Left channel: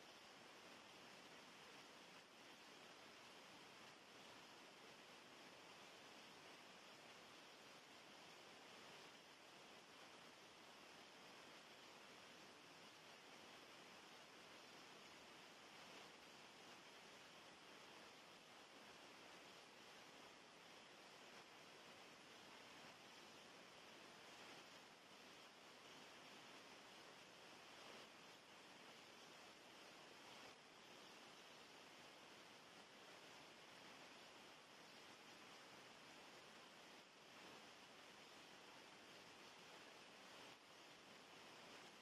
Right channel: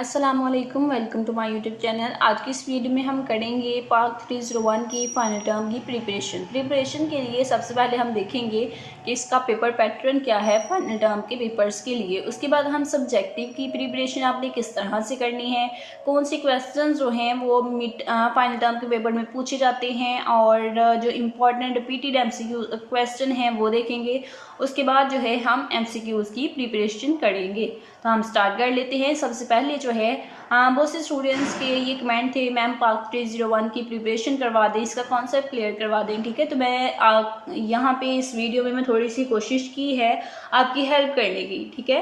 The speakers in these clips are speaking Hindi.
अस्सलामुअलैकुम, welcome to my YouTube channel. आज की इस वीडियो में हम करेंगे पार्ट 301 की फाइनल टर्म की प्रिपरेशन के लिए सबसे पहले हम देखेंगे कि इसका पेपर पैटर्न क्या है फाइनल टर्म के पेपर्स के लिए। उसके बाद हम सब्जेक्टिव की प्रिपरेशन आपने किस तरह से करनी है, कौन से क्वेश्चन जो हैं वो फाइनल टर्म के पेपर में पूछे जाते हैं और जो इम्पोर्टेंट रिपीटेड MCQ क्वेश्चन हैं वो देखेंगे। उसके बाद जो है हम MCQs की प्रिपरेशन करेंगे। तो हम स्टार्ट कर लेते हैं। सबसे पहले जो है बहुत से स्टूडेंट्स के ये कमेंट थे, मैम पार्ट 301 की प्रिपरेशन करवा दें, इसका कॉन्सेप्ट क्लियर करवा दें। ठीक है, तो मैं यहाँ पे इस वीडियो में मैं थोड़ी सी कोशिश की है आपकी हेल्प करने की। ठीक है,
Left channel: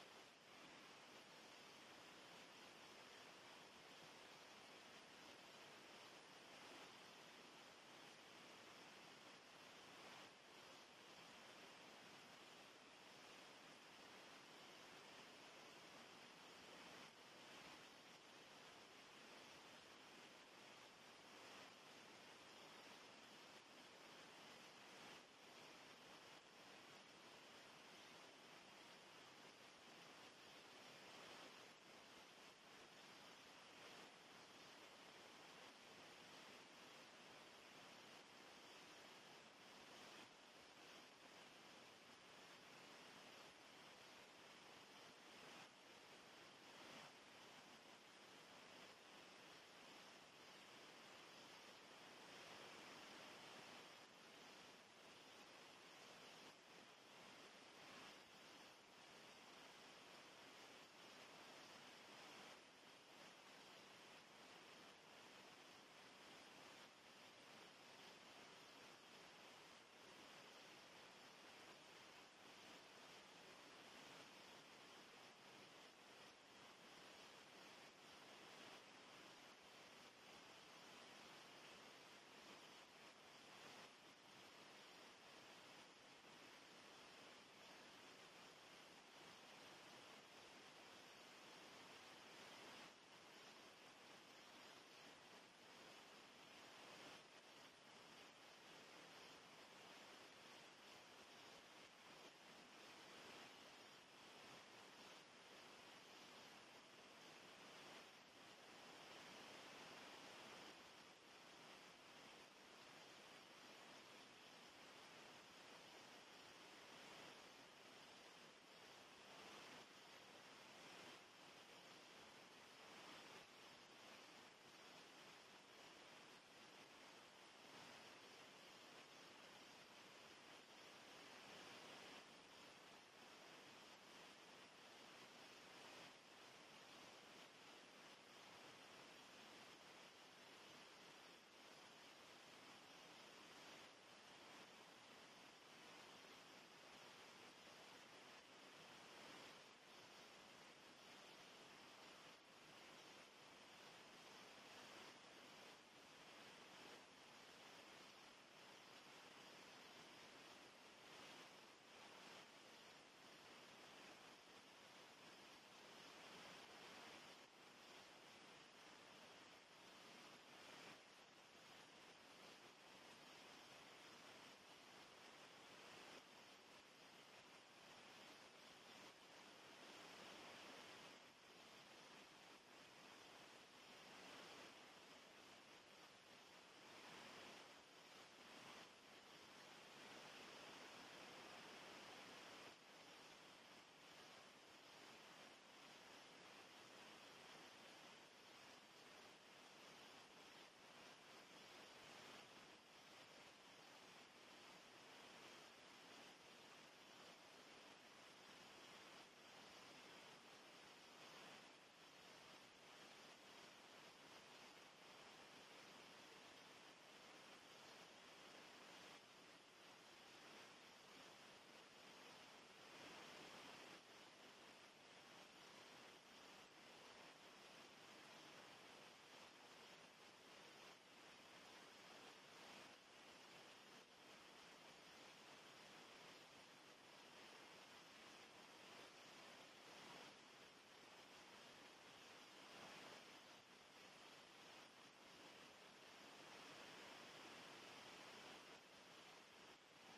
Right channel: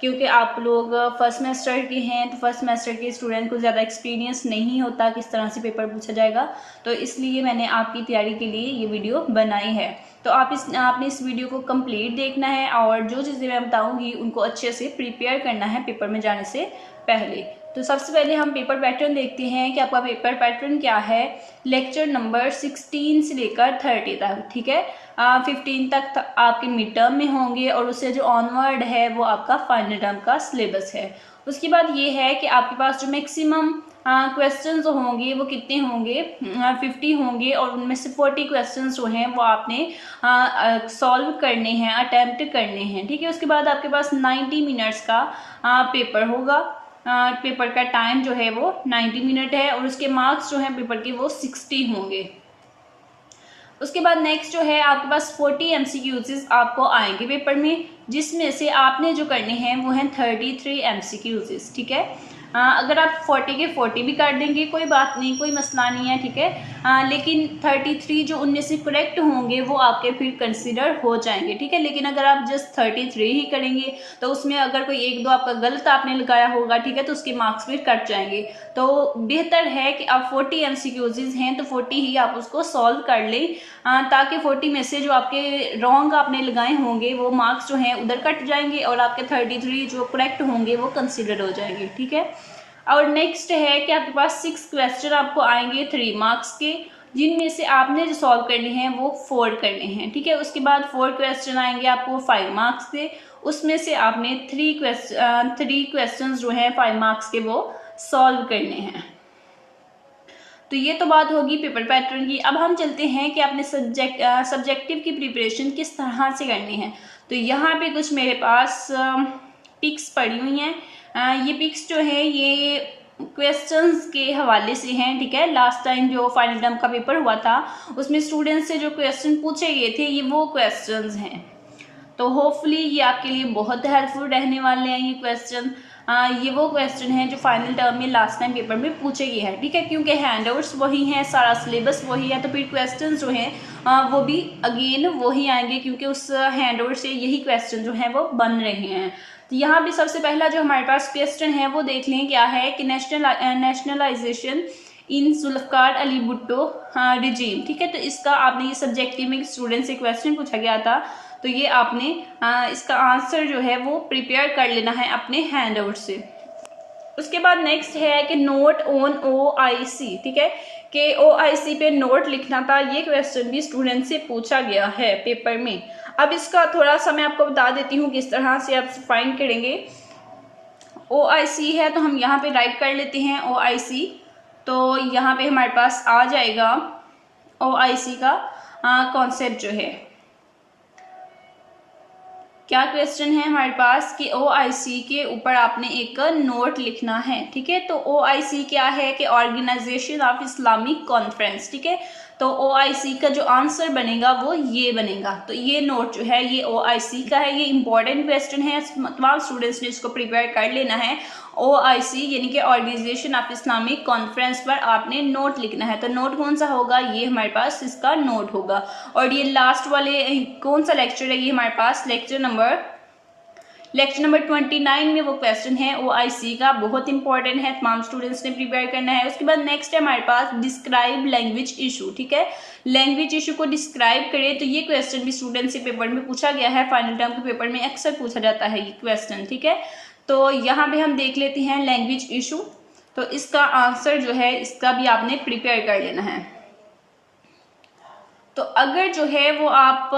क्योंकि आप लोग फर्स्ट सेमेस्टर के हैं तो फर्स्ट सेमेस्टर के स्टूडेंट को ज़्यादा एक्सपीरियंस नहीं होता किस तरह से पेपर पूछा जाएगा, तो इसलिए मैंने आपकी तैयारी के लिए ये वीडियो बनाई है। तो आपने इस वीडियो को कंप्लीट देखना है और जो चीज़ें मैं बताऊंगी उनको अच्छे से प्रिपेयर करना है पेपर में जाने से पहले। तो सबसे पहले हम पेपर पैटर्न देखते हैं कि आपका पेपर पैटर्न क्या है। लेक्चर नंबर 16 से लेकर 30 तक, ठीक है, 15 तक आपके मिड टर्म में होंगे और उससे जो ऑनवर्ड है वो आपका फाइनल टर्म का सिलेबस है। उसके बाद ये है कि आपके पास जो मैक्सिमम क्वेश्चन जो होंगे वो कितने होंगे, 50 होंगे और उनमें से 40 क्वेश्चन जो हैं वो आपने सॉल्व करने हैं, अटैम्प्ट करने हैं। ठीक है, उसके बाद आपके पास 90 मिनट्स का पेपर होगा। पेपर का टाइम जो है वो 90 मिनट है और उसके मार्क्स जो हैं पेपर के वो 60 होंगे। उसके बाद नेक्स्ट जो है आपके पास 40 MCQs आपको आएंगे पेपर में, जिसमें से आपने जो करने हैं वो हैं 33 MCQs। ठीक है, अगर आप 40 के 40 भी कर देंगे कोई बात नहीं, कोई मसला नहीं है। ठीक है, लेकिन 33 जो उनमें से करेक्ट होंगे वो आपके फिर कंसिडर हो जाएंगे। ठीक है, लेकिन अगर आप जस्ट 33 ही करेंगे तो उसमें अगर कोई एक दो आपका गलत आपने लगाया होगा, ठीक है, तो उसके मार्क्स फिर कट जाएंगे। तो बेहतर है कि आप 40 MCQs हैं तो 40 ही आप उसको सॉल्व कर लें, ताकि 40 में से जो आपके रॉन्ग आपने लगाए होंगे वो मार्क्स जो हैं उधर कट जाएंगे और आपके 33 जो करेक्ट होंगे वो कंसिडर हो जाएंगे। ठीक है, और नेक्स्ट है कि आपके पास 6 क्वेश्चन आपको आएंगे 3 मार्क्स के, जिनमें से आपने जो सॉल्व करने हैं वो 4 करने हैं। ठीक है, उसके बाद 4 क्वेश्चन आएंगे आपको 5 मार्क्स के, उसमें से आपने 3 क्वेश्चन जो हैं 5 मार्क्स के वो सॉल्व करने हैं। तो ये तो बात होगी पेपर पैटर्न की। अब हम चलते हैं कि आपने सब्जेक्टिव की प्रिपरेशन किस तरह से करनी है। तो यहाँ पे कुछ मेरे पास पिक्स पड़ी हुई हैं। ये पिक्स जो है ये क्वेश्चंस के हवाले से हैं। ठीक है, लास्ट टाइम जो फाइनल टर्म का पेपर हुआ था उसमें स्टूडेंट्स से जो क्वेश्चन पूछे गए थे ये वो क्वेश्चंस हैं। तो होपफुली ये आपके लिए बहुत हेल्पफुल रहने वाले हैं ये क्वेश्चन। ये वो क्वेश्चन हैं जो फाइनल टर्म में लास्ट टाइम पेपर में पूछे गए हैं। ठीक है, क्योंकि हैंडआउट्स वही हैं, सारा सिलेबस वही है, तो फिर क्वेश्चन जो हैं वो भी अगेन वही आएंगे, क्योंकि उस हैंडआउट से यही क्वेश्चन जो हैं वो बन रहे हैं। तो यहाँ भी सबसे पहला जो हमारे पास क्वेश्चन है वो देख लें क्या है कि नेशनलाइजेशन इन जुल्फ़िकार अली भुट्टो रिजीम। ठीक है, तो इसका आपने ये सब्जेक्टिव में स्टूडेंट से क्वेश्चन पूछा गया था, तो ये आपने इसका आंसर जो है वो प्रिपेयर कर लेना है अपने हैंडआउट से। उसके बाद नेक्स्ट है कि नोट ऑन OIC। ठीक है, कि OIC पे नोट लिखना था, ये क्वेश्चन भी स्टूडेंट से पूछा गया है पेपर में। अब इसका थोड़ा सा मैं आपको बता देती हूँ किस तरह से आप फाइंड करेंगे। OIC है तो हम यहाँ पे राइट कर लेते हैं OIC, तो यहाँ पे हमारे पास आ जाएगा OIC का कॉन्सेप्ट जो है। क्या क्वेश्चन है हमारे पास कि OIC के ऊपर आपने एक नोट लिखना है। ठीक है, तो OIC क्या है कि ऑर्गेनाइजेशन ऑफ इस्लामिक कॉन्फ्रेंस। ठीक है, तो OIC का जो आंसर बनेगा वो ये बनेगा। तो ये नोट जो है ये OIC का है, ये इंपॉर्टेंट क्वेश्चन है, तमाम स्टूडेंट्स ने इसको प्रिपेयर कर लेना है। OIC यानी कि ऑर्गेनाइजेशन ऑफ इस्लामिक कॉन्फ्रेंस पर आपने नोट लिखना है। तो नोट कौन सा होगा, ये हमारे पास इसका नोट होगा। और ये लास्ट वाले कौन सा लेक्चर है, ये हमारे पास लेक्चर नंबर 29 में वो क्वेश्चन है OIC का, बहुत इंपॉर्टेंट है, तमाम स्टूडेंट्स ने प्रिपेयर करना है। उसके बाद नेक्स्ट है हमारे पास डिस्क्राइब लैंग्वेज इशू। ठीक है, लैंग्वेज इशू को डिस्क्राइब करें, तो ये क्वेश्चन भी स्टूडेंट से पेपर में पूछा गया है, फाइनल टर्म के पेपर में अक्सर पूछा जाता है ये क्वेश्चन। ठीक है, तो यहाँ पे हम देख लेते हैं लैंग्वेज इशू, तो इसका आंसर जो है इसका भी आपने प्रिपेयर कर लेना है। तो अगर जो है वो आप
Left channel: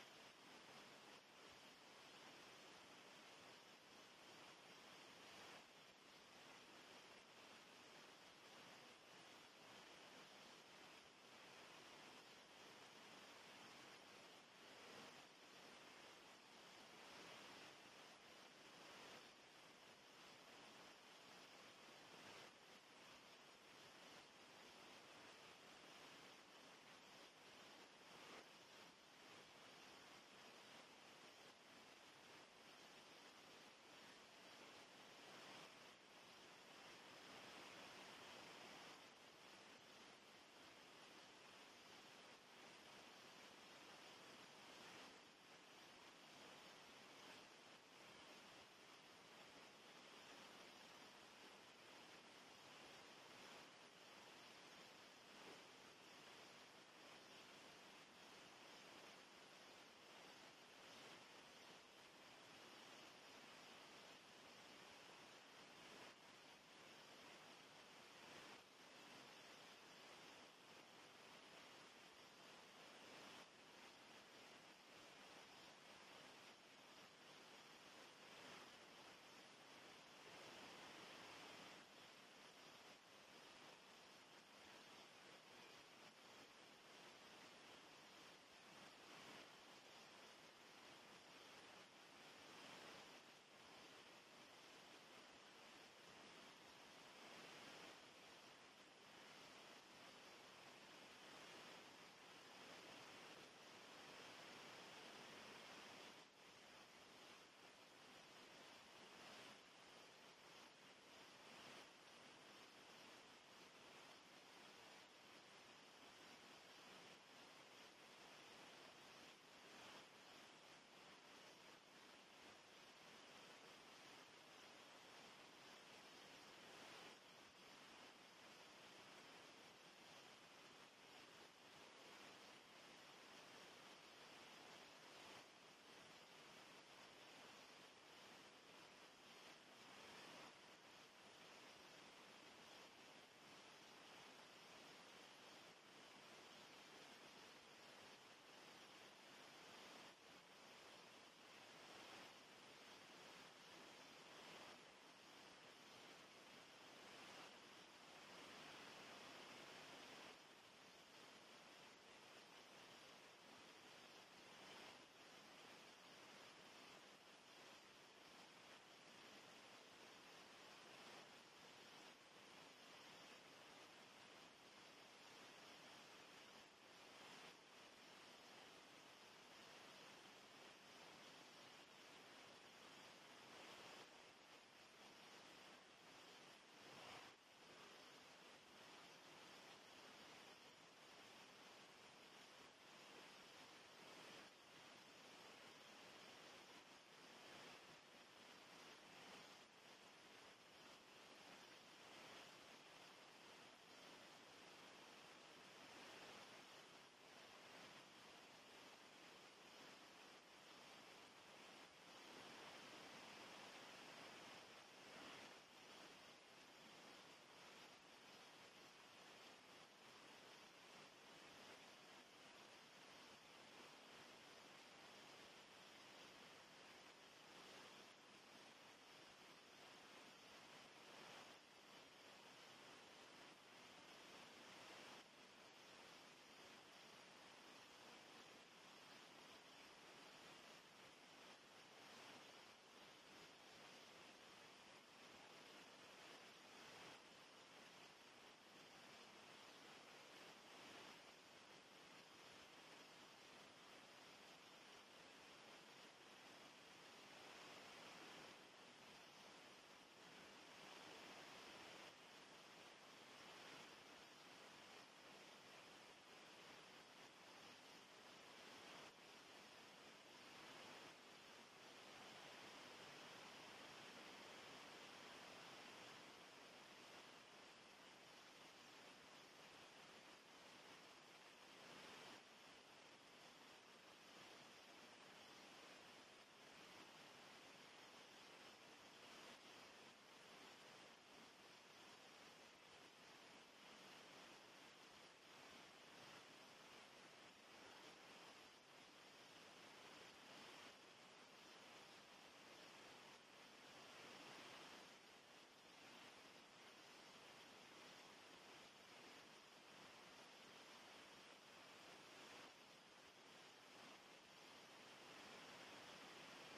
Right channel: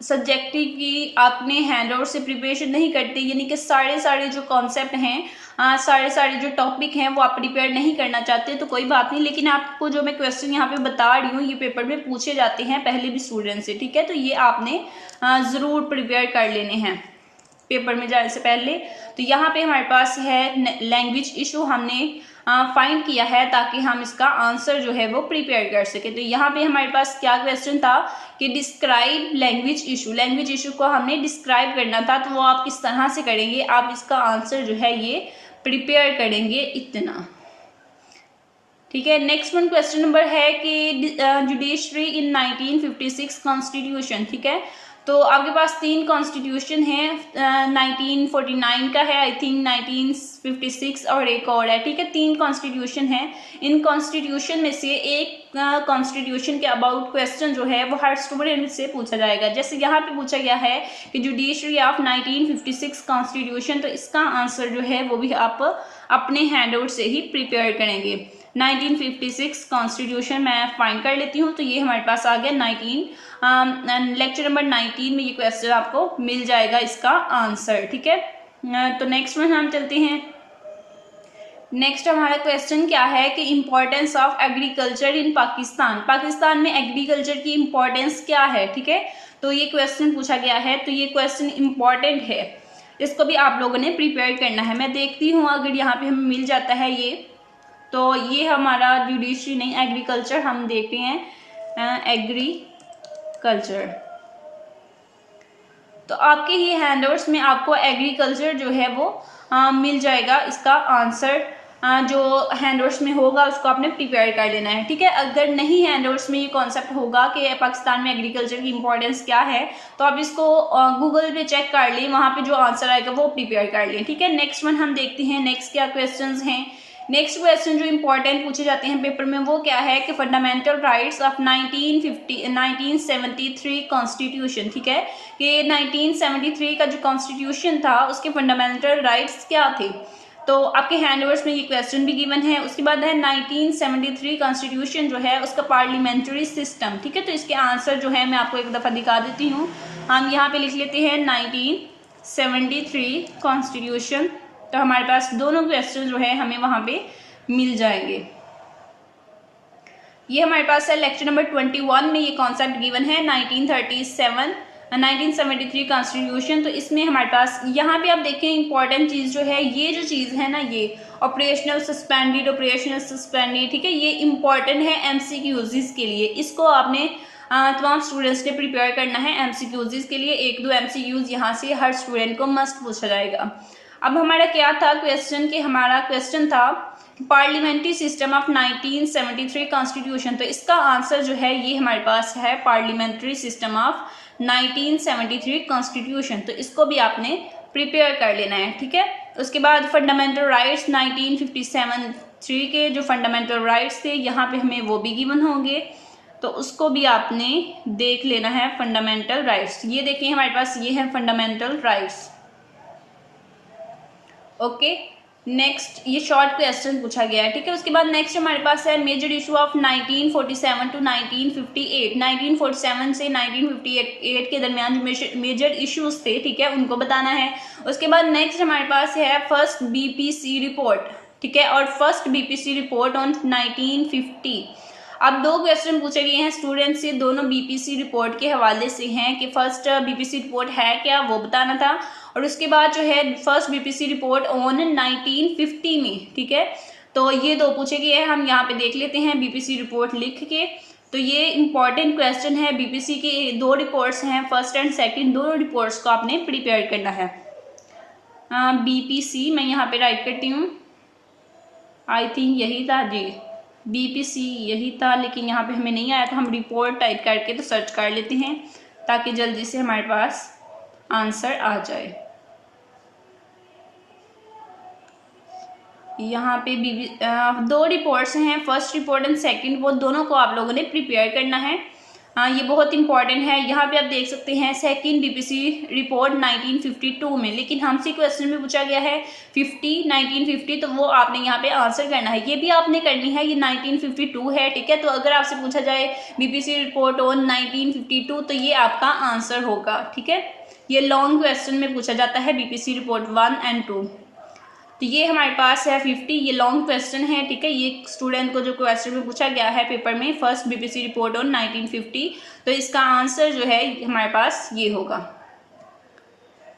सब्जेक्टिव की आपने हैंडआउट से प्रिपरेशन नहीं करते, यानी कि सारे जो कॉन्सेप्ट हैं, सारे जो टॉपिक हैं वो आप प्रिपेयर नहीं करना चाहते, तो कोई बात नहीं। लेकिन आपको जो मैं क्वेश्चन यहाँ पे बता रही हूँ ये पेपर में पूछे जाते हैं पहले भी स्टूडेंट से, ठीक है। तो ये आपने ज़रूर प्रिपेयर कर लेने हैं पेपर में जाने से पहले। तो यहाँ पे हमारे पास है लैंग्वेज इशू, हमने फाइंड किया है ताकि हम इसका आंसर जो है वो प्रिपेयर कर सके। तो यहाँ पे हमारे पास क्या क्वेश्चन था कि describe language issue, language issue को हमने डिस्क्राइब करना था। तो वो आप किस तरह से करेंगे, आप इसका आंसर जो है ये प्रिपेयर करेंगे इतना, ठीक है। नेक्स्ट वन क्वेश्चन नंबर है कि जुडिशरी इन 1956 कॉन्स्टिट्यूशन, ठीक है। तो आपके पास 3 कॉन्स्टिट्यूशन है, 1949 का है आई थिंक, 1956 और एक और है, ठीक है। 3 कॉन्स्टिट्यूशन है। इन कॉन्स्टिट्यूशन में से एक कॉन्स्टिट्यूशन के अबाउट क्वेश्चन जो है वो हर स्टूडेंट से पूछा जाएगा। जैसे यहाँ पे पूछा गया है कि जुडिशरी ऑफ 1956 कॉन्स्टिट्यूशन, तो इसका आंसर जो है वो भी आप अपने हैंडआउट से ही प्रिपेयर करेंगे। 1956 कॉन्स्टिट्यूशन मैं फाइंड कर लेती हूँ। तो ये हमारे पास आ गया लेक्चर नंबर 19 में ये क्वेश्चन आपको मिल जाएगा इसका आंसर, ठीक है। तो नेक्स्ट में हम चलते हैं। नेक्स्ट हमारा क्वेश्चन क्या है कि importance of agriculture in Pakistan, Pakistan में एग्रीकल्चर की इम्पोर्टेंस क्या है, ठीक है। तो ये क्वेश्चन पूछा गया है, तो ये क्वेश्चन इम्पोर्टेंट है, इसको भी आप लोगों ने प्रिपेयर करना है। मैं देखती हूँ अगर यहाँ पे हमें मिल जाता है ये, तो ये हमारा जुडिशरी नहीं एग्रीकल्चर, हम देखते हैं एग्रीकल्चर। तो आपके ही हैंडआउट्स में आपको एग्रीकल्चर जो है वो मिल जाएगा, इसका आंसर जो हैंडआउट्स में होगा उसको आपने प्रिपेयर कर लेना है, ठीक है। अगर नहीं हैंडआउट्स में ये कॉन्सेप्ट होगा कि पाकिस्तान में एग्रीकल्चर की इंपॉर्टेंस क्या है, तो आप इसको गूगल पे चेक कर लें, वहाँ पे जो आंसर आएगा वो प्रिपेयर कर लें, ठीक है। नेक्स्ट वन हम देखते हैं नेक्स्ट क्या क्वेश्चन हैं। नेक्स्ट क्वेश्चन जो इंपॉर्टेंट पूछे जाते हैं पेपर में वो क्या है कि फंडामेंटल राइट्स ऑफ 1973 कॉन्स्टिट्यूशन, ठीक है। कि 1973 का जो कॉन्स्टिट्यूशन था उसके फंडामेंटल राइट्स क्या थे। तो आपके हैंडओवर्स में ये क्वेश्चन भी गिवन है। उसके बाद है 1973 कॉन्स्टिट्यूशन जो है उसका पार्लियामेंट्री सिस्टम, ठीक है। तो इसके आंसर जो है मैं आपको एक दफ़ा दिखा देती हूँ। हम यहाँ पे लिख लेते हैं 1973 कॉन्स्टिट्यूशन, तो हमारे पास दोनों क्वेश्चन जो है हमें वहाँ पे मिल जाएंगे। ये हमारे पास है लेक्चर नंबर 21 में ये कॉन्सेप्ट गिवन है 1973 कॉन्स्टिट्यूशन। तो इसमें हमारे पास यहाँ पे आप देखें इंपॉर्टेंट चीज़ जो है, ये जो चीज़ है ना, ये ऑपरेशनल सस्पेंडेड, ठीक है। ये इंपॉर्टेंट है MCQs के लिए, इसको आपने तमाम स्टूडेंट्स ने प्रिपेयर करना है MCQs के लिए। 1-2 MCQs यहाँ से हर स्टूडेंट को मस्ट पूछा जाएगा। अब हमारा क्या था क्वेश्चन, कि हमारा क्वेश्चन था पार्लियामेंट्री सिस्टम ऑफ 1973 कॉन्स्टिट्यूशन। तो इसका आंसर जो है ये हमारे पास है पार्लियामेंट्री सिस्टम ऑफ 1973 कॉन्स्टिट्यूशन। तो इसको भी आपने प्रिपेयर कर लेना है, ठीक है। उसके बाद फंडामेंटल राइट्स 1957 के जो फंडामेंटल राइट्स थे यहाँ पे हमें वो भी गिवन होंगे, तो उसको भी आपने देख लेना है। फंडामेंटल राइट्स ये देखिए हमारे पास ये है फंडामेंटल राइट्स, ओके। नेक्स्ट ये शॉर्ट क्वेश्चन पूछा गया है, ठीक है। उसके बाद नेक्स्ट हमारे पास है मेजर इशू ऑफ 1947 टू 1958, 1947 से 1958 के दरमियान जो मेजर इश्यूज थे, ठीक है, उनको बताना है। उसके बाद नेक्स्ट हमारे पास है फर्स्ट BPC रिपोर्ट, ठीक है, और फर्स्ट BPC रिपोर्ट ऑन 1950। अब 2 क्वेश्चन पूछे गए हैं स्टूडेंट से, दोनों BPC रिपोर्ट के हवाले से हैं कि फर्स्ट BPC रिपोर्ट है क्या वो बताना था, और उसके बाद जो है फर्स्ट BPC रिपोर्ट ऑन 1950 में, ठीक है। तो ये 2 पूछे गए हैं, हम यहाँ पे देख लेते हैं BPC रिपोर्ट लिख के। तो ये इंपॉर्टेंट क्वेश्चन है, BPC के 2 रिपोर्ट्स हैं, फर्स्ट एंड सेकंड, दोनों रिपोर्ट्स को आपने प्रिपेयर करना है। BPC मैं यहाँ पे राइट करती हूँ, आई थिंक यही था जी, BPC यही था, लेकिन यहाँ पे हमें नहीं आया तो हम रिपोर्ट टाइप करके तो सर्च कर लेते हैं ताकि जल्दी से हमारे पास आंसर आ जाए। यहाँ पे 2 रिपोर्ट्स हैं, फर्स्ट रिपोर्ट एंड सेकंड, वो दोनों को आप लोगों ने प्रिपेयर करना है। हाँ, ये बहुत इंपॉर्टेंट है। यहाँ पे आप देख सकते हैं सेकंड बीपीसी रिपोर्ट 1952 में, लेकिन हमसे क्वेश्चन में पूछा गया है 1950, तो वो आपने यहाँ पे आंसर करना है। ये भी आपने करनी है, ये 1952 है, ठीक है। तो अगर आपसे पूछा जाए बीपीसी रिपोर्ट ऑन 1952, तो ये आपका आंसर होगा, ठीक है। ये लॉन्ग क्वेश्चन में पूछा जाता है बीपीसी रिपोर्ट 1 और 2। तो ये हमारे पास है 50, ये लॉन्ग क्वेश्चन है, ठीक है। ये स्टूडेंट को जो क्वेश्चन में पूछा गया है पेपर में, फर्स्ट बीपीसी रिपोर्ट ऑन 1950, तो इसका आंसर जो है हमारे पास ये होगा।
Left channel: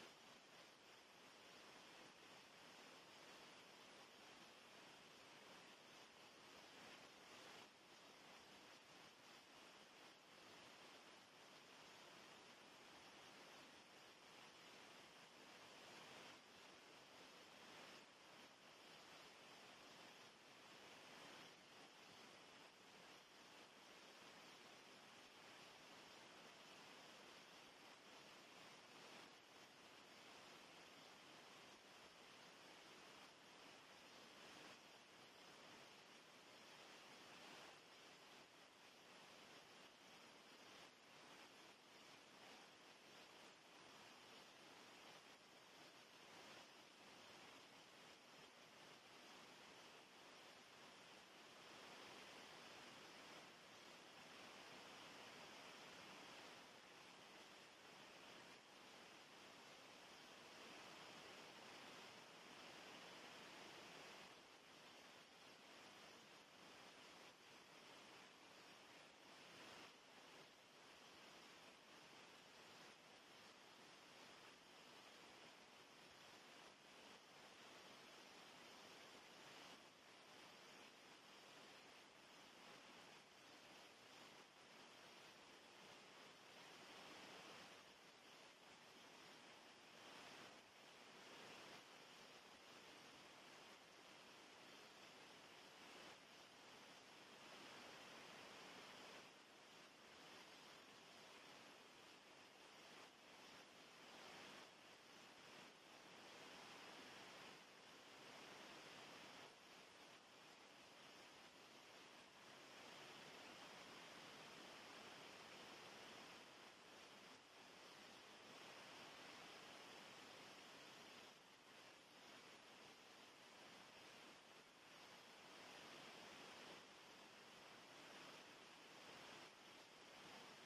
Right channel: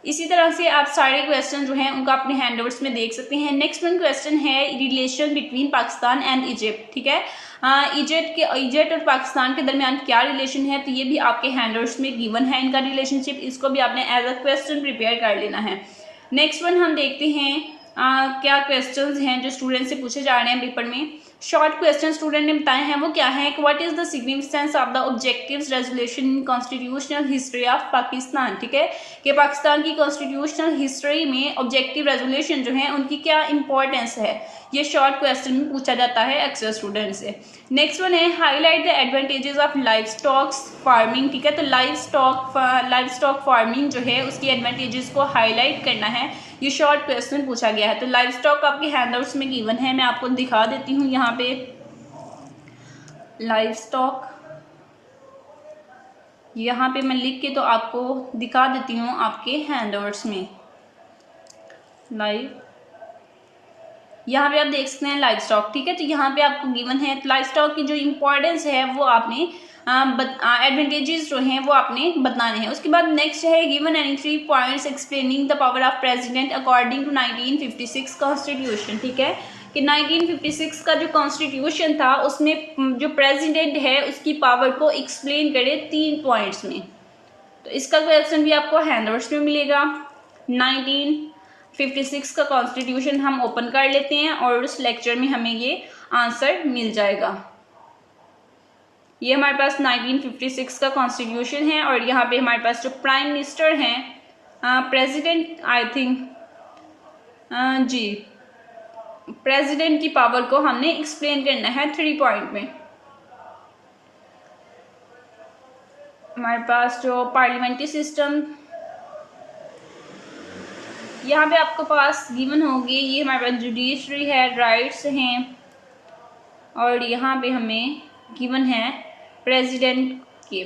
इसी तरह से आप सारे क्वेश्चन जो हैं उनका अपने हैंडआउट्स में देख सकते हैं। नेक्स्ट वन क्वेश्चन है relation between Pakistan and Egypt, ठीक है। इजिप्ट और पाकिस्तान के दरमियान क्या रिलेशन है, तो ये भी आपके हैंडआउट्स में गिवन है इनका रिलेशनशिप। इसको भी आपने एज अ क्वेश्चन प्रिपेयर कर लेना है। नेक्स्ट वन हम देखते हैं क्या क्वेश्चंस हैं जो स्टूडेंट से पूछे जा रहे हैं पेपर में। शॉर्ट क्वेश्चन स्टूडेंट ने बताए हैं, वो क्या है कि what is the significance of the objectives resolution in constitutional history of Pakistan, ठीक है। कि पाकिस्तान की कॉन्स्टिट्यूशनल हिस्ट्री में ऑब्जेक्टिव रेजोल्यूशन जो है उनकी क्या इंपॉर्टेंस है, ये शॉर्ट क्वेश्चन में पूछा जाता है अक्सर स्टूडेंट से। नेक्स्ट वन है highlight the advantages of live stock farming, ठीक है। तो लाइव स्टॉक फार्मिंग जो है उसकी एडवांटेजेस को हाईलाइट करना है, ये शॉर्ट क्वेश्चन पूछा गया है। तो लाइव स्टॉक आपके हैंडआउट्स में गिवन है, मैं आपको दिखा देती हूँ यहाँ पे। लाइव स्टॉक यहाँ पे मैं लिख के तो आपको दिखा देती हूँ आपके हैंडआउट्स में। लाइव यहाँ पे आप देख सकते हैं लाइव स्टॉक, ठीक है। तो यहाँ पे आपको गिवन है लाइव स्टॉक की जो इम्पोर्टेंस है वो आपने एडवांटेजेस जो हैं वो आपने बताने हैं। उसके बाद नेक्स्ट है given any 3 points explaining the power of president according to 1956 constitution, ठीक है। कि 1956 का जो कॉन्स्टिट्यूशन था उसमें जो प्रेसिडेंट है उसकी पावर को एक्सप्लेन करे 3 पॉइंट्स में। तो इसका क्वेश्चन भी आपको हैंडआउट्स में मिलेगा। 1956 का कॉन्स्टिट्यूशन हम ओपन कर लेते हैं और उस लेक्चर में हमें ये आंसर मिल जाएगा। ये हमारे पास 1956 का कॉन्स्टिट्यूशन है और यहाँ पे हमारे पास जो प्राइम मिनिस्टर हैं प्रेसिडेंट आई थिंक जी प्रेसिडेंट की पावर को हमने एक्सप्लेन करना है 3 पॉइंट में। हमारे पास जो पार्लियामेंट्री सिस्टम यहाँ पे आपके पास गिवन होगी, ये हमारे पास जुडिशरी है, राइट्स हैं और यहाँ पे हमें गिवन है प्रेसिडेंट के।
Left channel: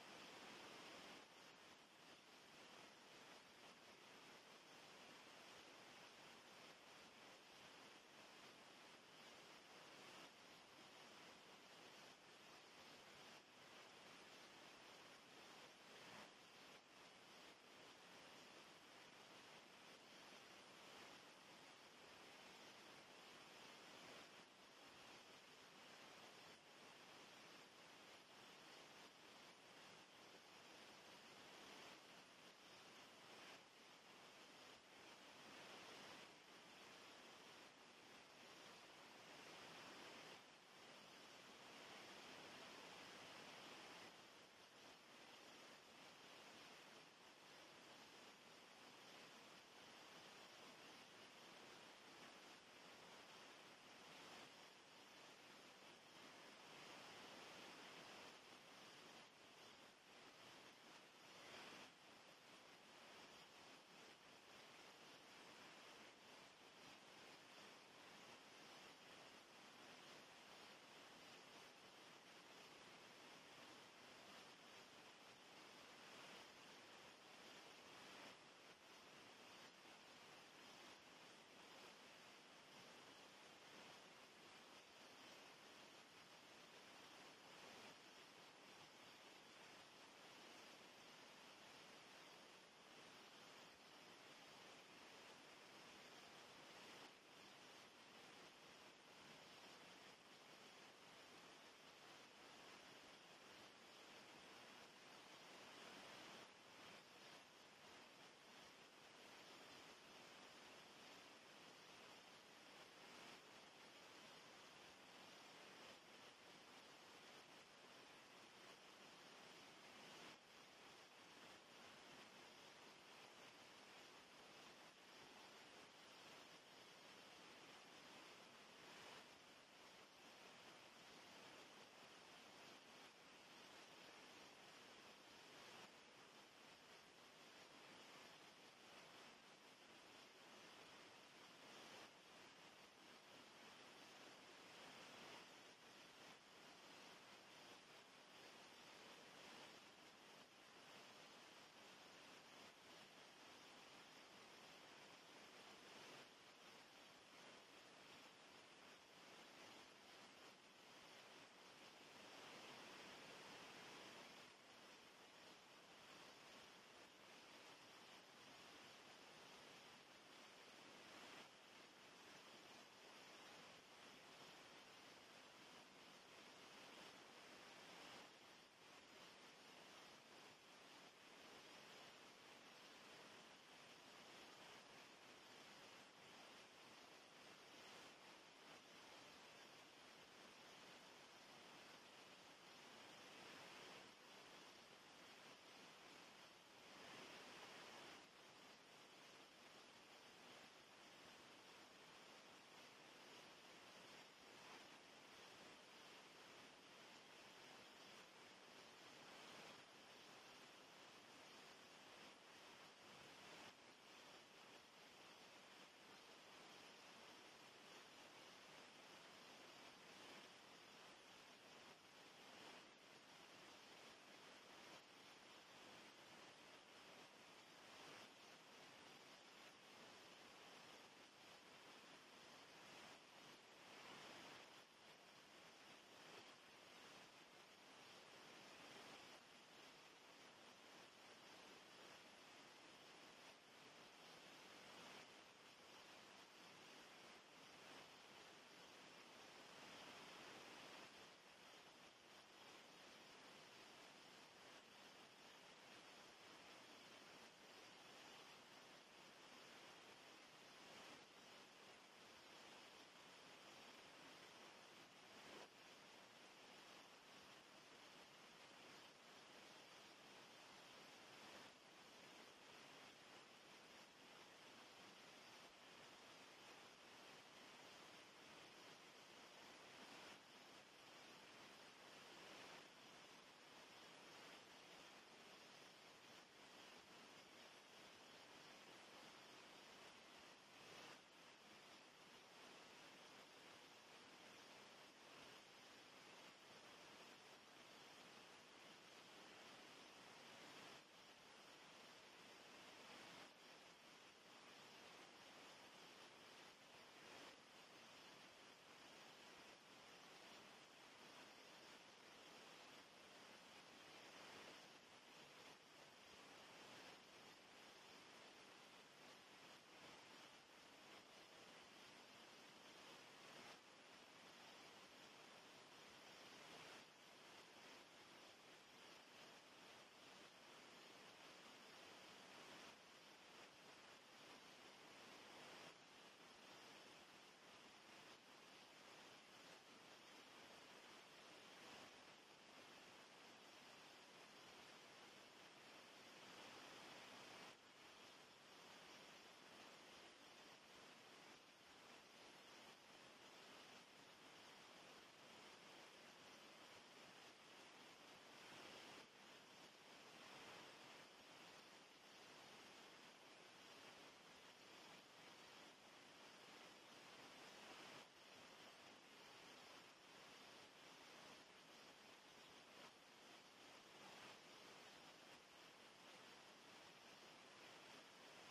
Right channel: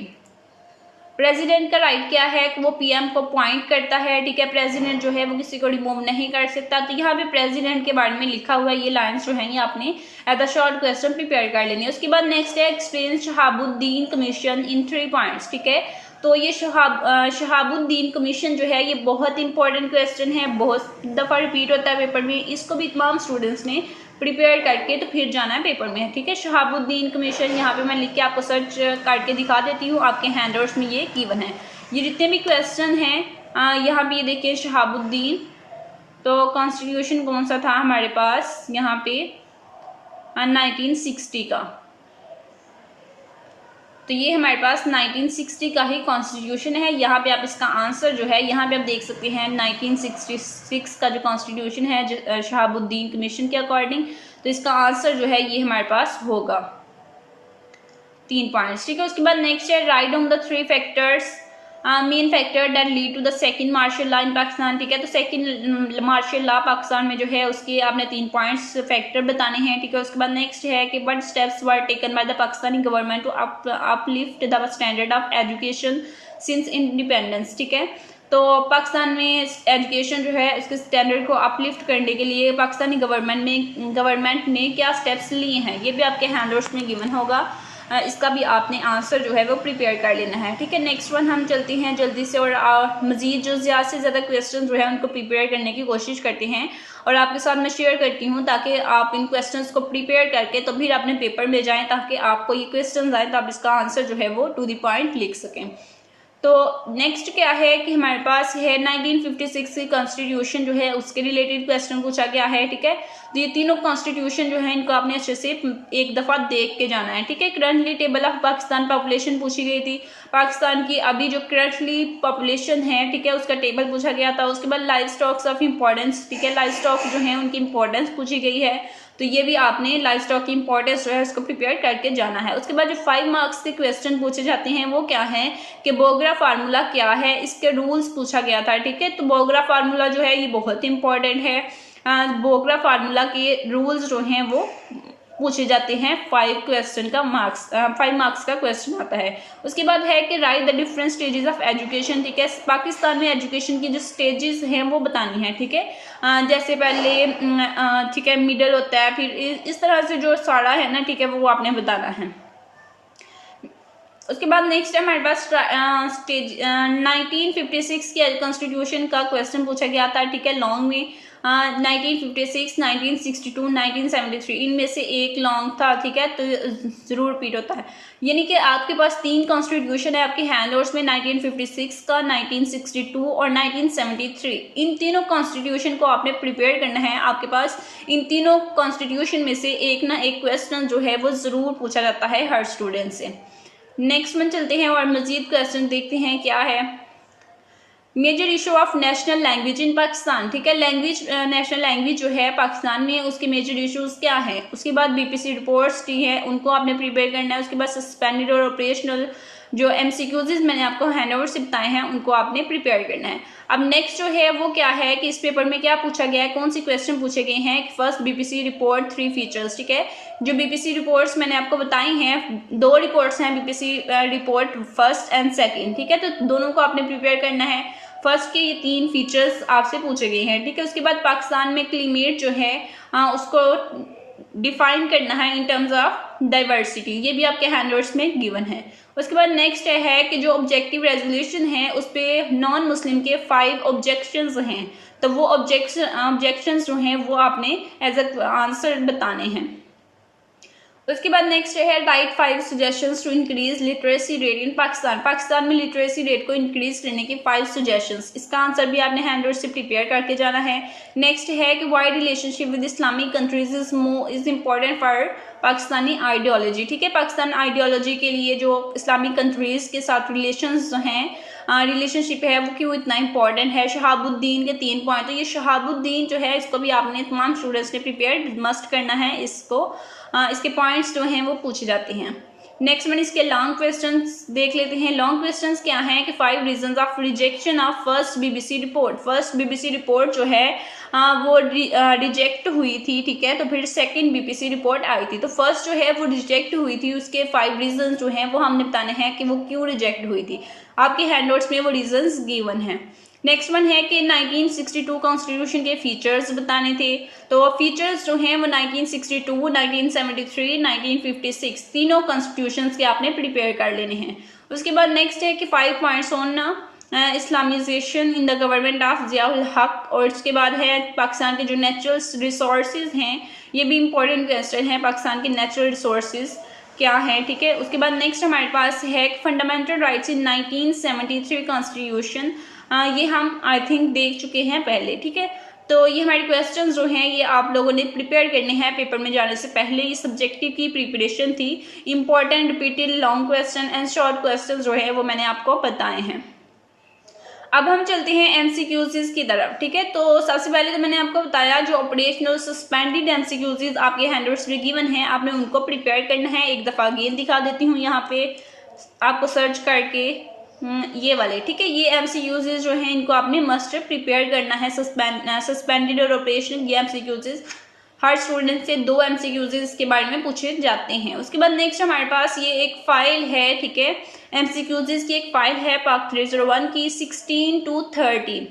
प्रेसिडेंट का राइट क्या है कि वो पीएम को अपॉइंट करता है, ठीक है। प्रेसिडेंट जो है वो किसी को रिमूव नहीं कर सकता। तो यहाँ पे प्रेसिडेंट के बारे में लिखा हुआ ये लाइंस जो है ये आपने as a short question prepare कर लेनी है। उसके बाद नेक्स्ट है explain Shahabuddin commission in 3 points, ठीक है। तो ये शहाबुद्दीन कमीशन जो है ये बहुत इंपॉर्टेंट क्वेश्चन है, बहुत दफ़ा रिपीट होता है पेपर में। इसको भी तमाम स्टूडेंट्स ने प्रिपेयर करके तो फिर जाना है पेपर में, ठीक है। शहाबुद्दीन कमीशन यहाँ पे मैं लिख के आपको सर्च करके दिखा देती हूँ, आपके हैंडआउट्स में ये गिवन है। ये जितने भी क्वेश्चन हैं यहाँ पे ये देखिए शहाबुद्दीन, तो कॉन्स्टिट्यूशन कौन सा था हमारे पास यहाँ पे 1960 का। तो ये हमारे पास 1960 का ही कॉन्स्टिट्यूशन है। यहाँ पे आप इसका आंसर जो है यहाँ पे आप देख सकते हैं 1966 का जो कॉन्स्टिट्यूशन है शहाबुद्दीन कमीशन के अकॉर्डिंग, तो इसका आंसर जो है ये हमारे पास होगा 3 पॉइंट्स, ठीक है। उसके बाद नेक्स्ट है write down the 3 factors main factor that lead to the second martial law in Pakistan, ठीक है। तो सेकंड मार्शल लॉ पाकिस्तान में जो है उसके आपने 3 पॉइंट्स फैक्टर बताने हैं, ठीक है। उसके बाद नेक्स्ट है कि what steps were taken by the Pakistani government to uplift the standard of education since independence, ठीक है। तो पाकिस्तान में एजुकेशन जो है उसके स्टैंडर्ड को अपलिफ्ट करने के लिए पाकिस्तानी गवर्नमेंट ने क्या स्टेप्स लिए हैं, ये भी आपके हैंडआउट्स में गिवन होगा। इसका भी आपने आंसर जो है वो प्रिपेयर कर लेना है, ठीक है। नेक्स्ट वन हम चलते हैं जल्दी से और मज़ीद जो ज़्यादा से ज़्यादा क्वेश्चन जो है उनको प्रिपेयर करने की कोशिश करते हैं और आपके साथ मैं शेयर करती हूँ ताकि आप इन क्वेश्चंस को प्रिपेयर करके तो फिर अपने पेपर में जाएं ताकि आपको ये क्वेश्चन आए तो आप इसका आंसर जो है वो टू द पॉइंट लिख सकें। तो नेक्स्ट क्या है कि हमारे पास है 1956 की कॉन्स्टिट्यूशन जो है उसके रिलेटेड क्वेश्चन पूछा गया है, ठीक है। तो ये तीनों कॉन्स्टिट्यूशन जो है इनको आपने अच्छे से एक दफ़ा देख के जाना है, ठीक है। Currently table of Pakistan population पूछी गई थी, पाकिस्तान की अभी जो करंटली पॉपुलेशन है, ठीक है, उसका टेबल पूछा गया था। उसके बाद लाइव स्टॉक्स ऑफ इम्पोर्टेंस, ठीक है, लाइव स्टॉक जो है उनकी इंपॉर्टेंस पूछी गई है। तो ये भी आपने लाइफ स्टॉक की इंपॉर्टेंस जो है उसको प्रिपेयर करके जाना है। उसके बाद जो 5 मार्क्स के क्वेश्चन पूछे जाते हैं वो क्या है कि बोगरा फार्मूला क्या है, इसके रूल्स पूछा गया था, ठीक है। तो बोगरा फार्मूला जो है ये बहुत इंपॉर्टेंट है। बोगरा फार्मूला के रूल्स जो हैं वो पूछे जाते हैं। 5 मार्क्स का क्वेश्चन आता है। उसके बाद है कि right the different stages of education, ठीक है। पाकिस्तान में एजुकेशन की जो स्टेजेस हैं वो बतानी है, ठीक है। जैसे पहले ठीक है मिडिल होता है, फिर इस तरह से जो सारा है ना, ठीक है, वो आपने बताना है। उसके बाद नेक्स्ट है हमारे पास स्टेज 1956 के कॉन्स्टिट्यूशन का क्वेश्चन पूछा गया था, ठीक है, लॉन्ग में। 1956, 1962, 1973 इनमें से एक लॉन्ग था, ठीक है, तो जरूर रिपीट होता है। यानी कि आपके पास 3 कॉन्स्टिट्यूशन है आपके हैंडआउट्स में, 1956 का, 1962 और 1973। इन तीनों कॉन्स्टिट्यूशन को आपने प्रिपेयर करना है। आपके पास इन तीनों कॉन्स्टिट्यूशन में से एक ना एक क्वेश्चन जो है वो ज़रूर पूछा जाता है हर स्टूडेंट से। नेक्स्ट में चलते हैं और मजीद क्वेश्चन देखते हैं क्या है। Major issue of national language in Pakistan, ठीक है, नेशनल लैंग्वेज जो है पाकिस्तान में उसके मेजर इश्यूज क्या है। उसके बाद बीपीसी रिपोर्ट्स दी है, उनको आपने प्रिपेयर करना है। उसके बाद सस्पेंडेड और ऑपरेशनल जो एमसीक्यूज मैंने आपको हैंडओवर से बताए हैं उनको आपने प्रिपेयर करना है। अब नेक्स्ट जो है वो क्या है कि इस पेपर में क्या पूछा गया है, कौन सी क्वेश्चन पूछे गए हैं। फर्स्ट बीपीसी रिपोर्ट 3 फीचर्स, ठीक है। जो बीपीसी रिपोर्ट्स मैंने आपको बताई हैं, 2 रिपोर्ट्स हैं BPC report first and second, ठीक है। तो दोनों को आपने प्रिपेयर करना है। फर्स्ट के ये 3 फीचर्स आपसे पूछे गए हैं, ठीक है। उसके बाद पाकिस्तान में क्लीमेट जो है उसको डिफाइन करना है इन टर्म्स ऑफ डाइवर्सिटी, ये भी आपके हैंडआउट्स में गिवन है। उसके बाद नेक्स्ट है कि जो ऑब्जेक्टिव रेजोल्यूशन है उस पर नॉन मुस्लिम के 5 ऑब्जेक्शंस हैं, तो वो ऑब्जेक्शंस जो हैं वो आपने एज अ आंसर बताने हैं। उसके बाद नेक्स्ट है write 5 suggestions to increase literacy rate in Pakistan. Pakistan में लिटरेसी रेट को इंक्रीज करने के 5 सजेशंस, इसका आंसर भी आपने हैंडआउट से प्रिपेयर करके जाना है। नेक्स्ट है कि why relationship with Islamic countries is important for Pakistani ideology, ठीक है। पाकिस्तान आइडियोलॉजी के लिए जो इस्लामिक कंट्रीज के साथ रिलेशंस हैं, रिलेशनशिप है, वो क्यों इतना इंपॉर्टेंट है। शहाबुद्दीन के 3 पॉइंट, तो ये शहाबुद्दीन जो है इसको भी आपने तमाम स्टूडेंट्स ने प्रिपेयर मस्ट करना है। इसके पॉइंट्स जो हैं वो पूछे जाते हैं। नेक्स्ट में इसके लॉन्ग क्वेश्चंस देख लेते हैं। लॉन्ग क्वेश्चंस क्या हैं कि 5 reasons of rejection of first BBC report. First BBC report जो है वो रिजेक्ट हुई थी, ठीक है। तो फिर सेकंड बीबीसी रिपोर्ट आई थी, तो फर्स्ट जो है वो रिजेक्ट हुई थी, उसके 5 रीजंस जो हैं वो हमने बताने हैं कि वो क्यों रिजेक्ट हुई थी। आपके हैंडआउट्स में वो रीजंस गिवन हैं। नेक्स्ट वन है कि 1962 कॉन्स्टिट्यूशन के फीचर्स बताने थे, तो फीचर्स जो हैं वो 1962, 1973, 1956 तीनों कॉन्स्टिट्यूशंस के आपने प्रिपेयर कर लेने हैं। उसके बाद नेक्स्ट है कि 5 points on Islamisation in the government of Ziaul हक। और इसके बाद है पाकिस्तान के जो नेचुरल रिसोर्सेज हैं, ये भी इंपॉर्टेंट क्वेश्चन है, पाकिस्तान के नेचुरल रिसोर्सेज क्या है, ठीक है। उसके बाद नेक्स्ट हमारे पास है फंडामेंटल राइट्स इन 1973 कॉन्स्टिट्यूशन, ये हम आई थिंक देख चुके हैं पहले, ठीक है। तो ये हमारे क्वेश्चन जो हैं ये आप लोगों ने प्रिपेयर करने हैं पेपर में जाने से पहले। ये सब्जेक्टिव की प्रिपरेशन थी। Important repeated long question and short question जो है वो मैंने आपको बताए हैं। अब हम चलते हैं एमसीक्यूज़ की तरफ, ठीक है। तो सबसे पहले तो मैंने आपको बताया जो ऑपरेशनल सस्पेंडेड एमसीक्यूज़ आपके हैंडआउट्स में गिवन हैं, आपने उनको प्रिपेयर करना है। एक दफ़ा अगेन दिखा देती हूँ यहाँ पे आपको सर्च करके, ये वाले, ठीक है। ये एमसीक्यूज़ जो हैं इनको आपने मस्ट प्रिपेयर करना है। सस्पेंडेड और ऑपरेशनल ये एमसीक्यूज़ हर स्टूडेंट से 2 एमसीक्यूज़ इसके बारे में पूछे जाते हैं। उसके बाद नेक्स्ट हमारे पास ये एक फ़ाइल है, ठीक है, एमसीक्यूज़ की एक फ़ाइल है पाक 301 की 16 to 30,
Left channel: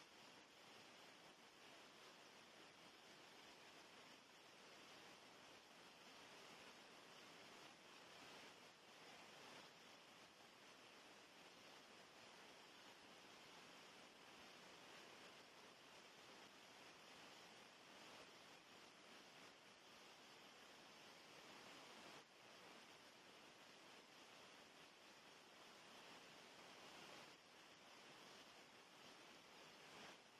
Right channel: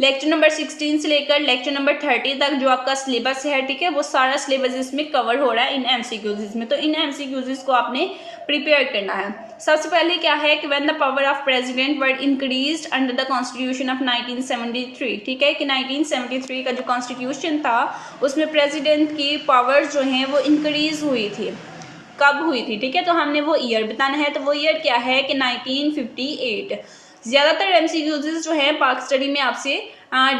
लेक्चर नंबर 16 से लेकर लेक्चर नंबर 30 तक जो आपका सिलेबस है, ठीक है, वो सारा सिलेबस इसमें कवर हो रहा है इन एमसीक्यूज़ में। तो इन एमसीक्यूज़ को आपने प्रिपेयर करना है। सबसे पहले क्या है कि when the power of president were increased under the constitution of 1973, ठीक है, कि 1973 का जो कॉन्स्टिट्यूशन था उसमें प्रेसिडेंट की पावर्स जो हैं वो इंक्रीज हुई थी। कब हुई थी, ठीक है, तो हमने वो ईयर बताना है। तो वो ईयर क्या है कि 1958। ज़्यादातर एमसीक्यूज़ जो है पाक स्टडी में आपसे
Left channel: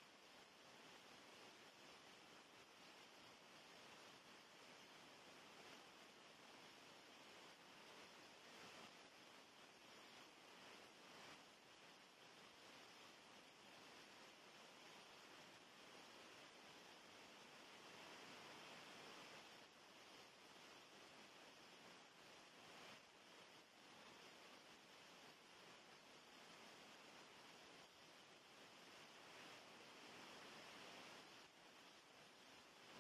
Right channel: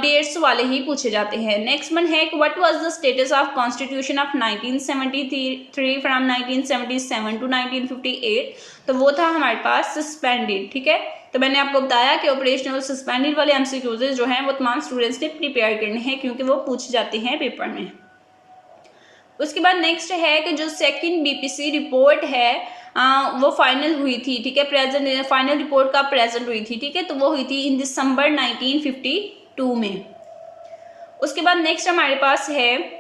डेट्स वाले ही पूछे जाते हैं। नेक्स्ट वन है कि what was the status of constitution of 1973 from 1977 to 1958, तो वो था हमारे पास सस्पेंडेड, ठीक है। तो मैंने आपको बताया कि ऑपरेशनल सस्पेंडेड वाले एमसीक्यूज़ जो हैं वो तमाम स्टूडेंट्स ने प्रिपेयर करने हैं क्योंकि वो पूछे जाते हैं पेपर में। उसके बाद नेक्स्ट है कि जो सेकंड बीपीसी रिपोर्ट है वो फाइनल हुई थी, ठीक है, प्रेजेंट फाइनल रिपोर्ट का प्रेजेंट हुई थी, ठीक है, तो वो हुई थी इन दिसंबर 1952 में। उसके बाद नेक्स्ट हमारे पास है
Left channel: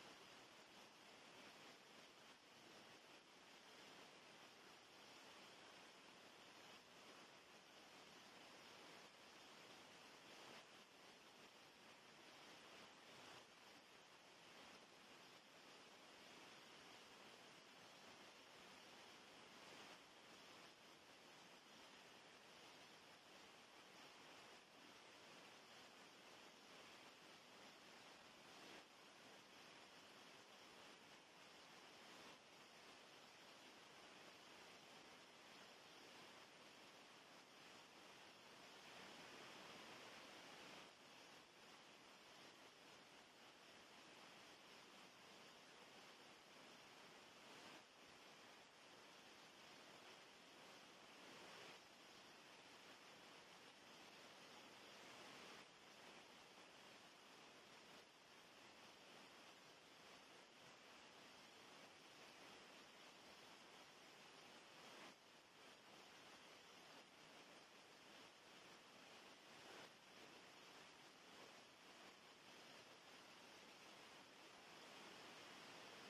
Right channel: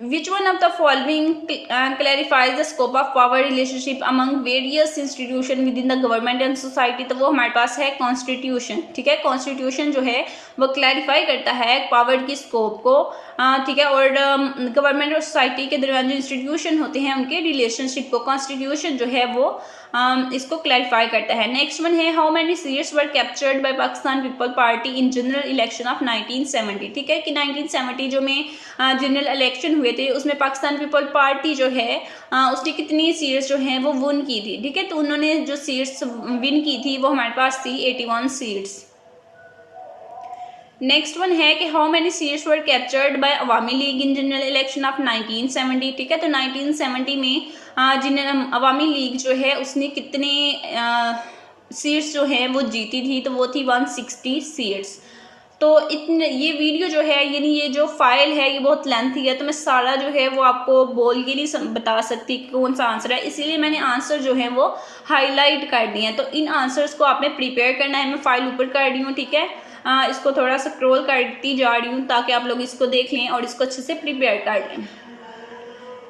Which one of the following clarifies the scope of power relationship among various institutions within the government and society? तो वो हमारे पास है कॉन्स्टिट्यूशन, ठीक है, कॉन्स्टिट्यूशन जो है वो क्लैरिफाई करता है पावर की स्कोप को, ठीक है, और गवर्नमेंट और सोसाइटी के दरमियान जो इंस्टीट्यूशन होते हैं उनके रिलेशनशिप को कॉन्स्टिट्यूशन जो है वो इसको क्लैरिफाई करता है। नेक्स्ट वन है how many seats were captured by Pakistan people party in general election of 1970, ठीक है, कि 1970 जो में जनरल इलेक्शन हुए थे उसमें पाकिस्तान पीपल पार्टी जो है उसने कितनी सीट्स जो हैं वो विन की थी, ठीक है, तो उन्होंने जो सीट्स विन की थी वो हमारे पास थी 81 सीट्स। नेक्स्ट वन है कि how many seats were captured by Awami league in general election of 1970, ठीक है, तो 1970 में अवामी लीग जो है उसने कितने सीट्स जो है वो जीती थी, तो वो थी 160 सीट्स। तो इतने ये वीडियो जो है यानी ये जो फाइल है ये बहुत लेंथी है, तो मैं सारा जो है वो आपको बोल के नहीं बता सकती कौन सा आंसर है, इसीलिए मैंने आंसर जो है वो हाईलाइट कर दिए हैं। तो इन आंसर्स को आपने प्रिपेयर करना है। मैं फाइल ऊपर कर रही हूँ, ठीक है, इसको थोड़ा सा स्क्रॉल करती जा रही हूँ ताकि आप लोग इसको देख लें और इसको अच्छे से प्रिपेयर कर लें।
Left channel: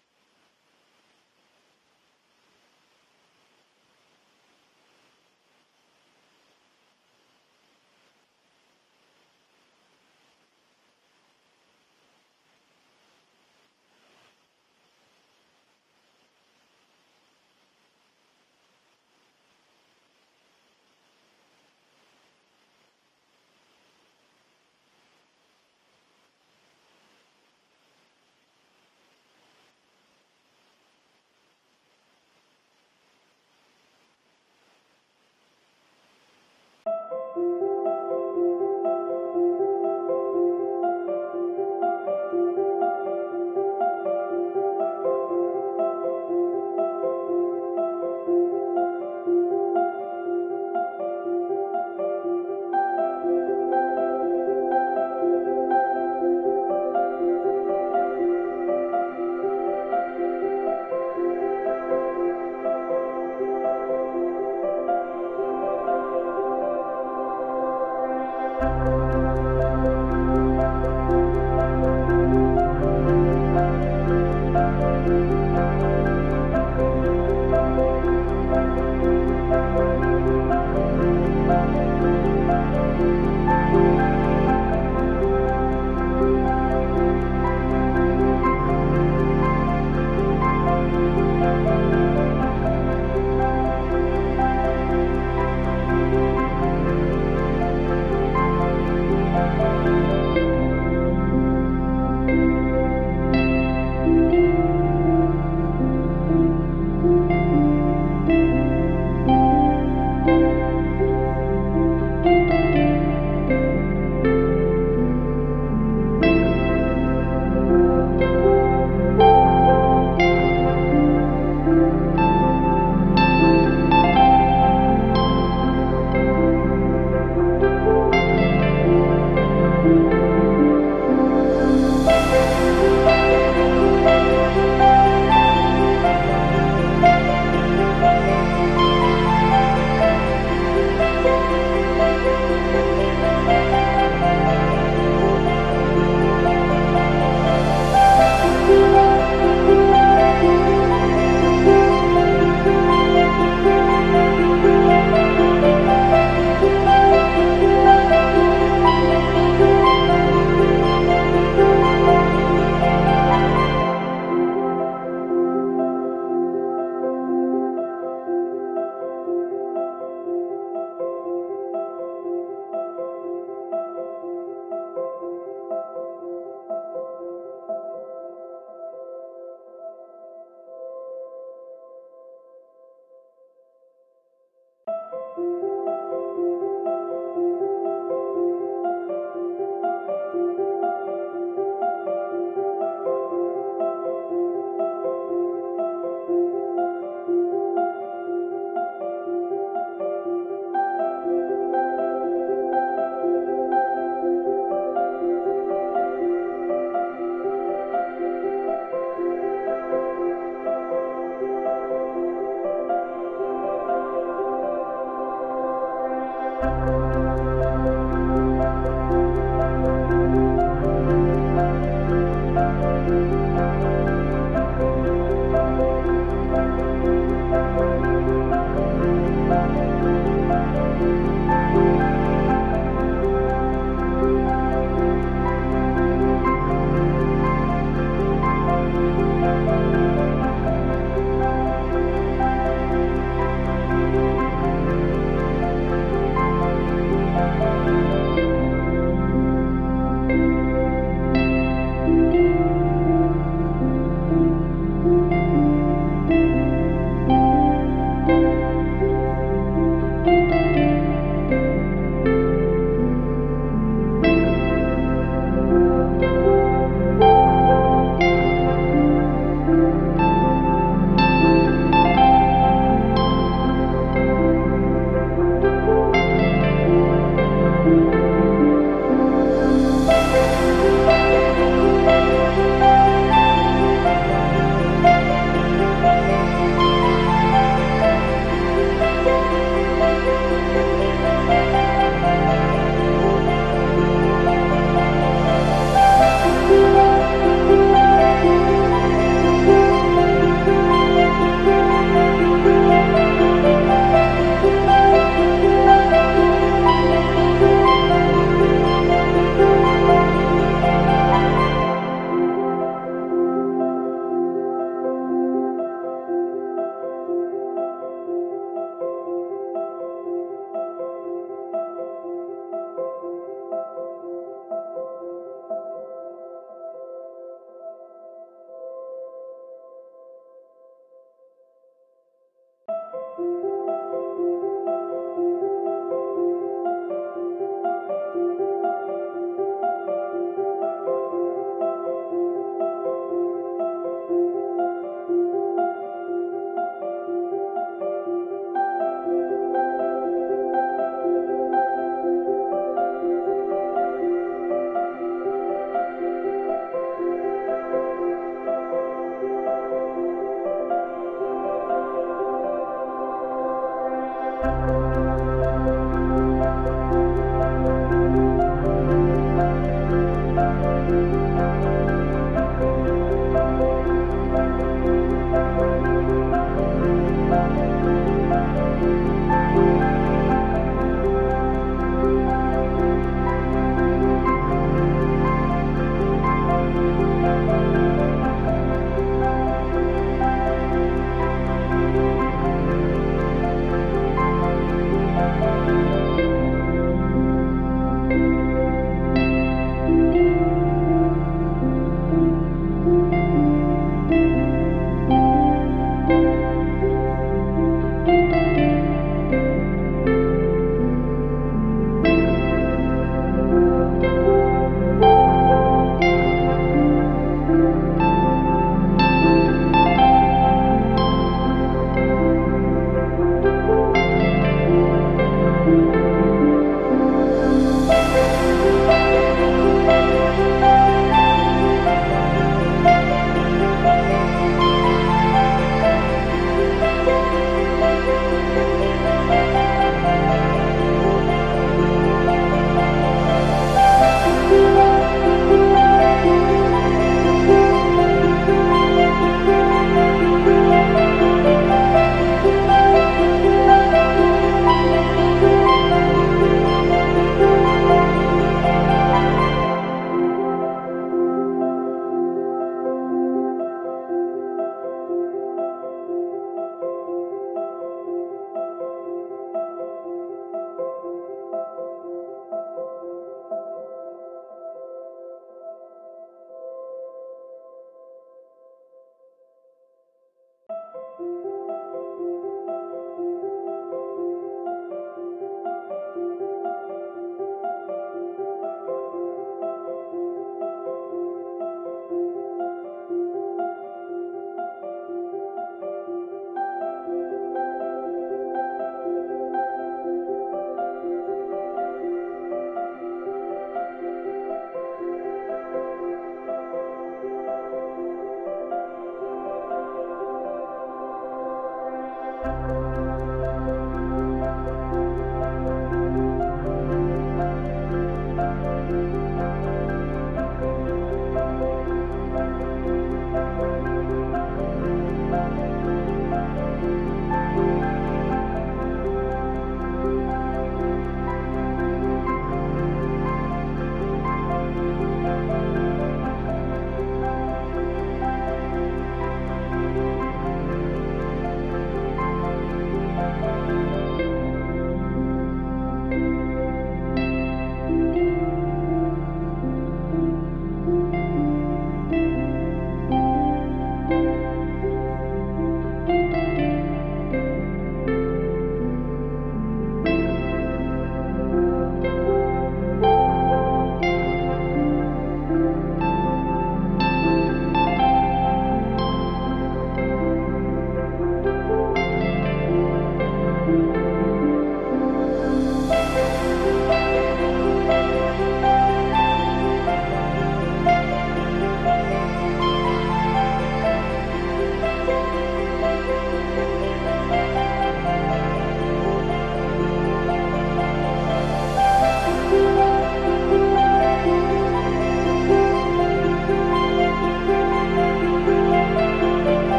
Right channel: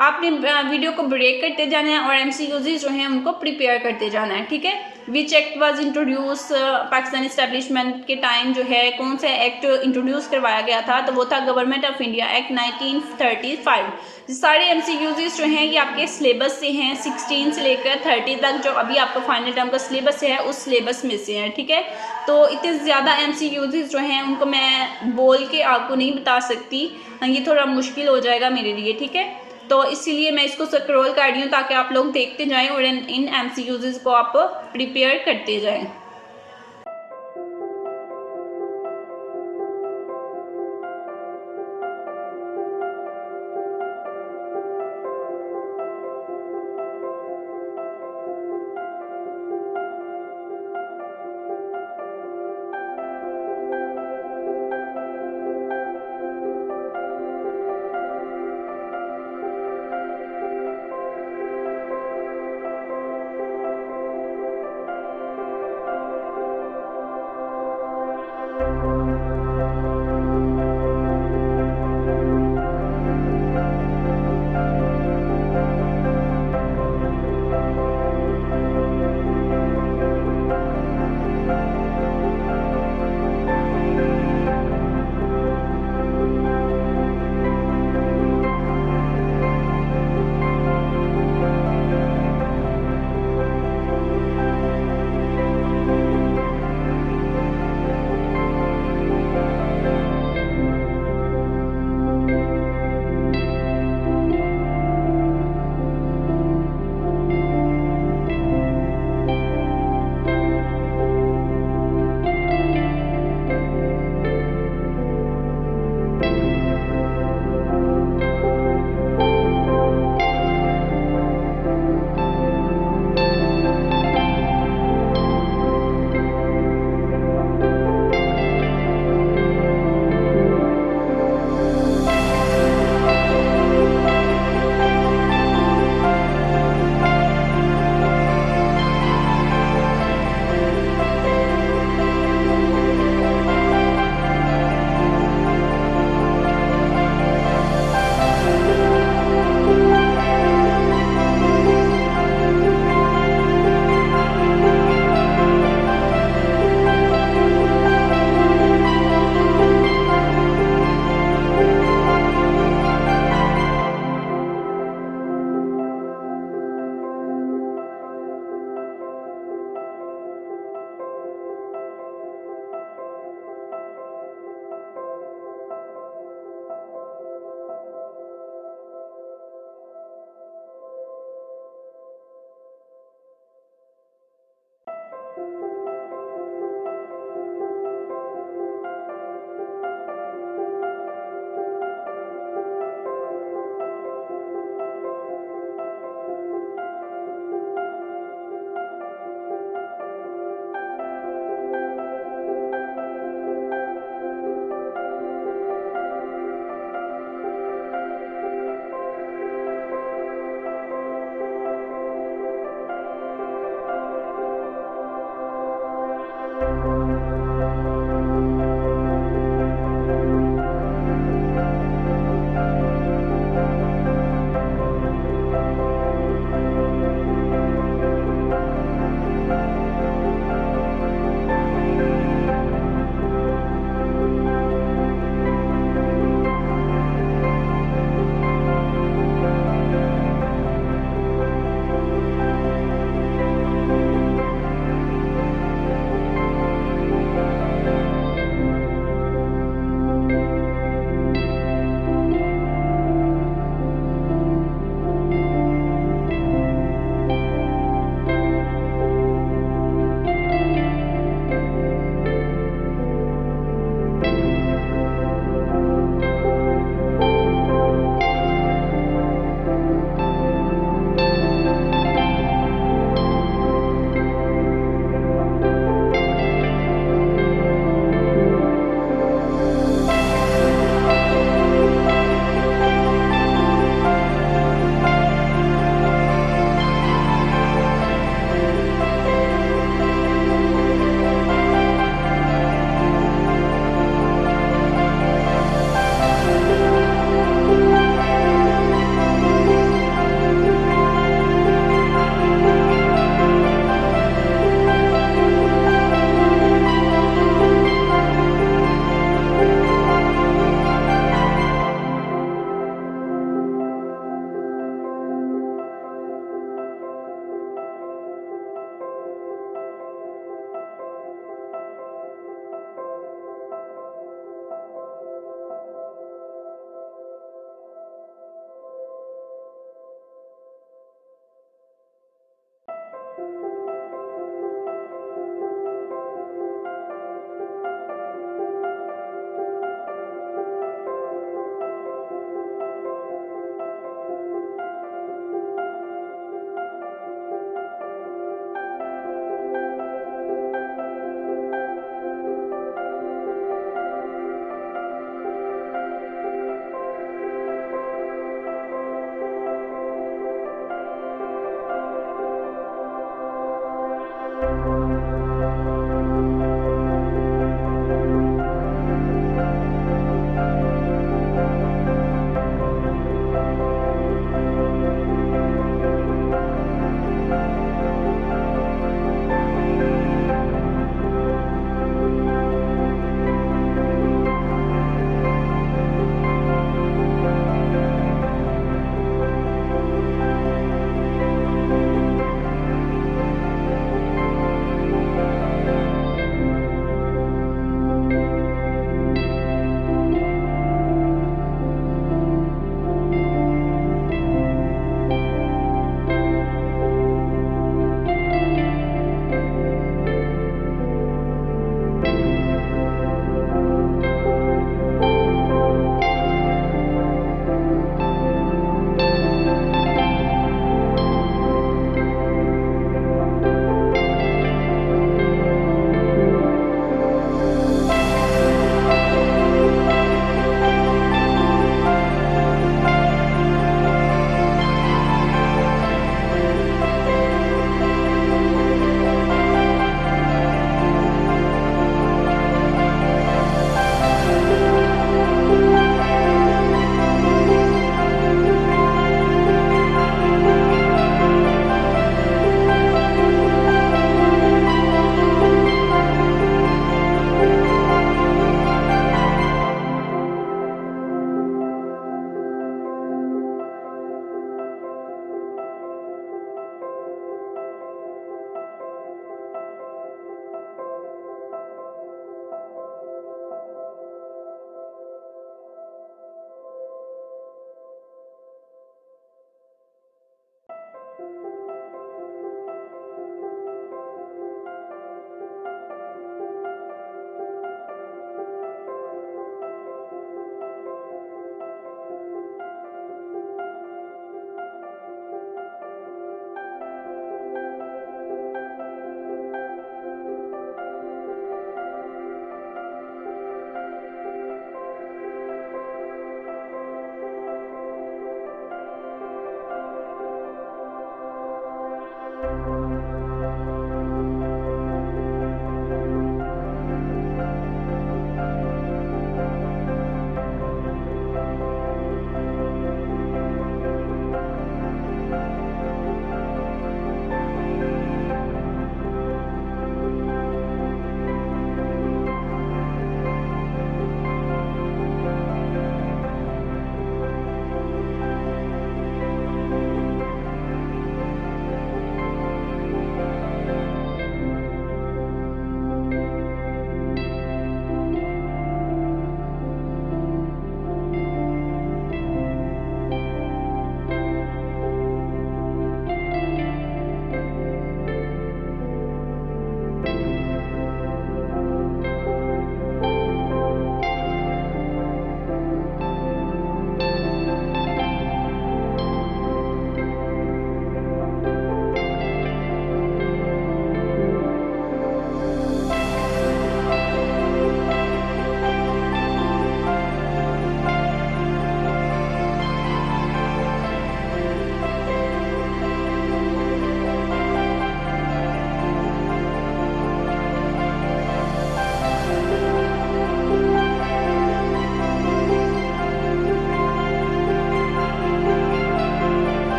आपने वीडियो को ब्रेक करते जाना है और MCQs जो हैं उनको प्रिपेयर करते जाना है, ठीक है। Which act was introduce Pakistan establishment के टाइम जो है कौन सा एक्ट इंट्रोड्यूस करवाया गया था, तो वो था गवर्नमेंट ऑफ इंडिया एक्ट 1935। सारे MCQs जो हैं ये आपके सिलेबस से हैं, 16 से लेकर 30 तक जो अभी आपका फाइनल टर्म का सिलेबस है उस सिलेबस में से है, ठीक है। तो इतने ज़्यादा MCQs जो हैं उनको मैं बोल के आपको नहीं बता सकती, ये थोड़ा मुश्किल हो जाएगा मेरे लिए, ठीक है। तो इसीलिए मैं इसको स्क्रॉल कर रही हूँ ताकि आप लोग देखते जाएं और इन MCQs को आप प्रिपेयर करते जाएं।